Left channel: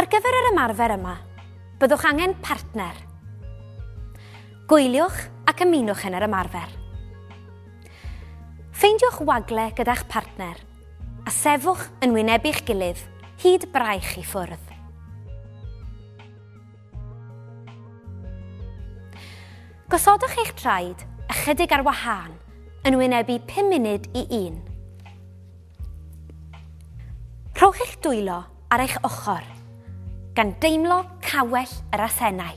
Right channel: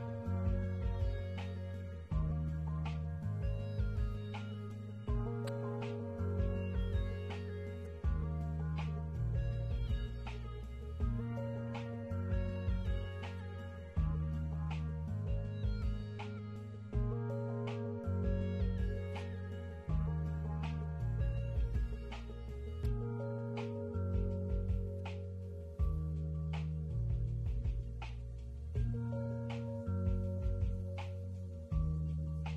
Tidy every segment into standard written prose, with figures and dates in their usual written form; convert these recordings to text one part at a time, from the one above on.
Ar gyfer yr ymarfer yma, byddwch angen partner. Gwyliwch ac ymunwch yn yr ymarfer. Ffeindiwch wagle gyda'ch partner a sefwch yn wynebu'ch gilydd hyd braich i ffwrdd. Gosodwch eich traed ychydig ar wahân yn wynebu 5 munud i 1. Rhowch eich dwylo ar eich ochr gan deimlo cawell yr asennau.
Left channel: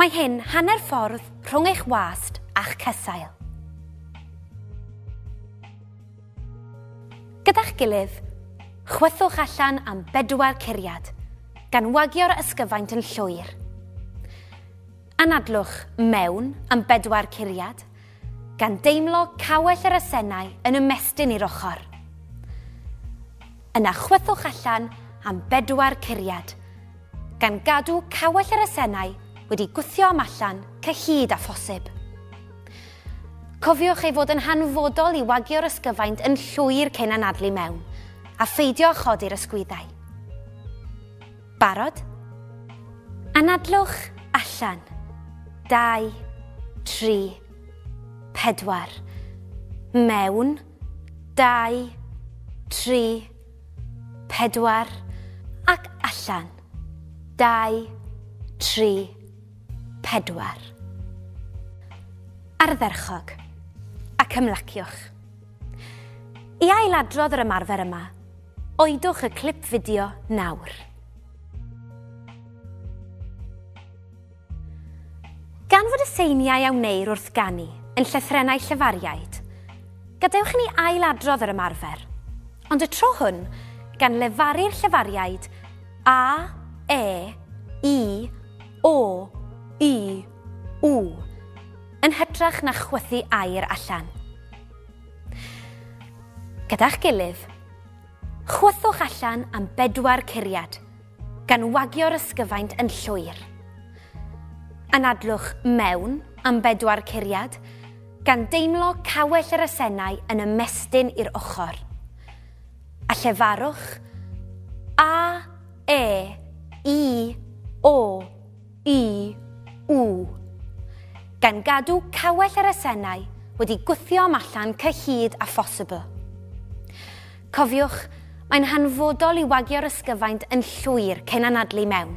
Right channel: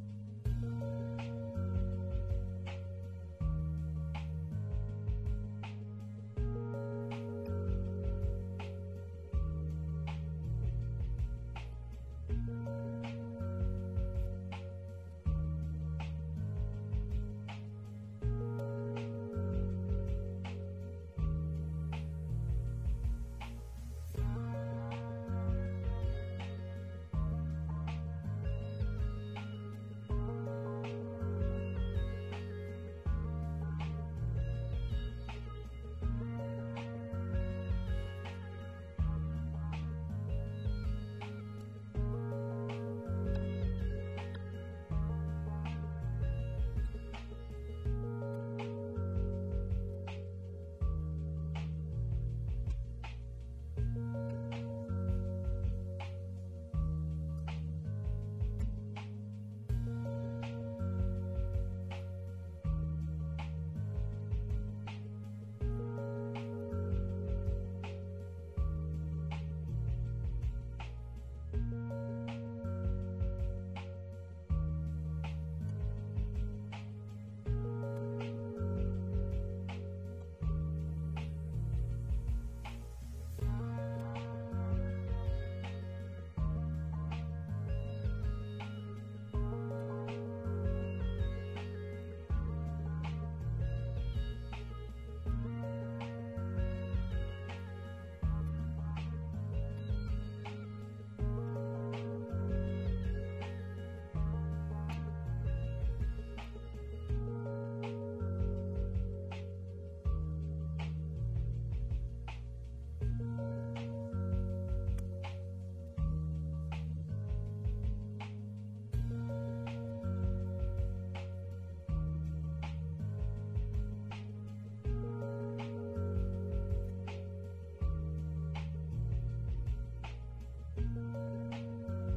Mae hyn hanner ffordd rhwng eich wast a'ch cysail. Gyda'ch gilydd, chwythwch allan am 4 curiad gan wagio'r ysgyfaint yn llwyr. Anadlwch mewn am 4 curiad gan deimlo cawell yr asennau yn ymestyn i'r ochr. Yna chwythwch allan am 4 curiad gan gadw cawell yr asennau wedi gwthio am allan cyhyd a phosib. Cofiwch ei fod yn hanfodol i wagio'r ysgyfaint yn llwyr cyn anadlu mewn a pheidio chodi'r ysgwyddau. Barod? Anadlwch allan. 2, 3, 4. Mewn. 2, 3, 4. Ac allan. 2, 3, 4. Ardderchog ac ymlaciwch. I ailadrodd yr ymarfer yma, oedwch y clip fideo nawr. Gan fod y seiniau a wneir wrth ganu yn llythrennau llefariaid, gadewch ni ailadrodd yr ymarfer, ond y tro hwn gan lefaru'r llefariaid A, E, I, O, I, W, yn hytrach na chwythu air allan. Gyda'ch gilydd, chwythwch allan am 4 curiad gan wagio'r ysgyfaint yn llwyr. Anadlwch mewn am 4 curiad gan deimlo cawell yr asennau yn ymestyn i'r ochr. A llefarwch A, E, I, O, I, W gan gadw cawell yr asennau wedi gwthio am allan cyhyd a phosibl. Cofiwch, mae'n hanfodol i wagio'r ysgyfaint yn llwyr cyn anadlu mewn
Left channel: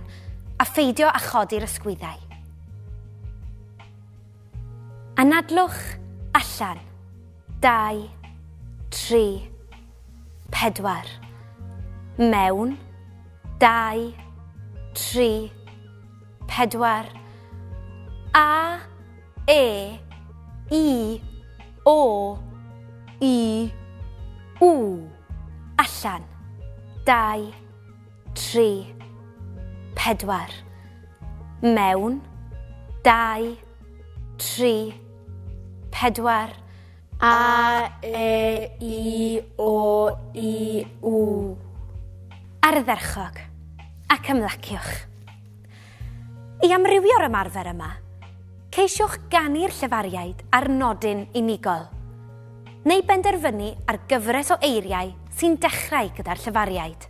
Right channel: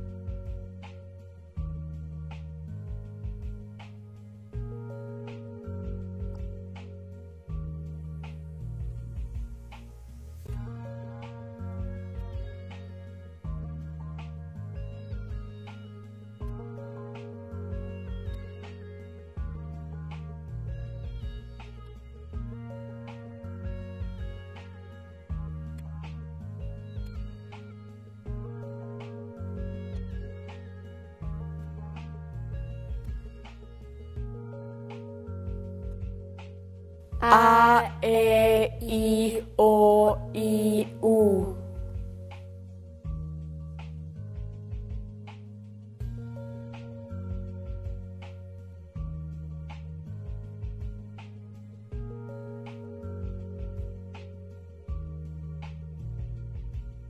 a pheidio a chodi'r ysgwyddau. Anadlwch allan. 2, 3, 4. Mewn. 2, 3, 4. A, E, I, O, I, W. Allan. 2, 3, 4. Mewn. 2, 3, 4. A, E, I, O, I, W. Ardderchog ac ymlaciwch. I amrywio'r ymarfer yma, ceisiwch ganu'r llefariaid ar nodyn unigol, neu benderfynu ar gyfres o eiriau sy'n dechrau gyda'r llefariaid.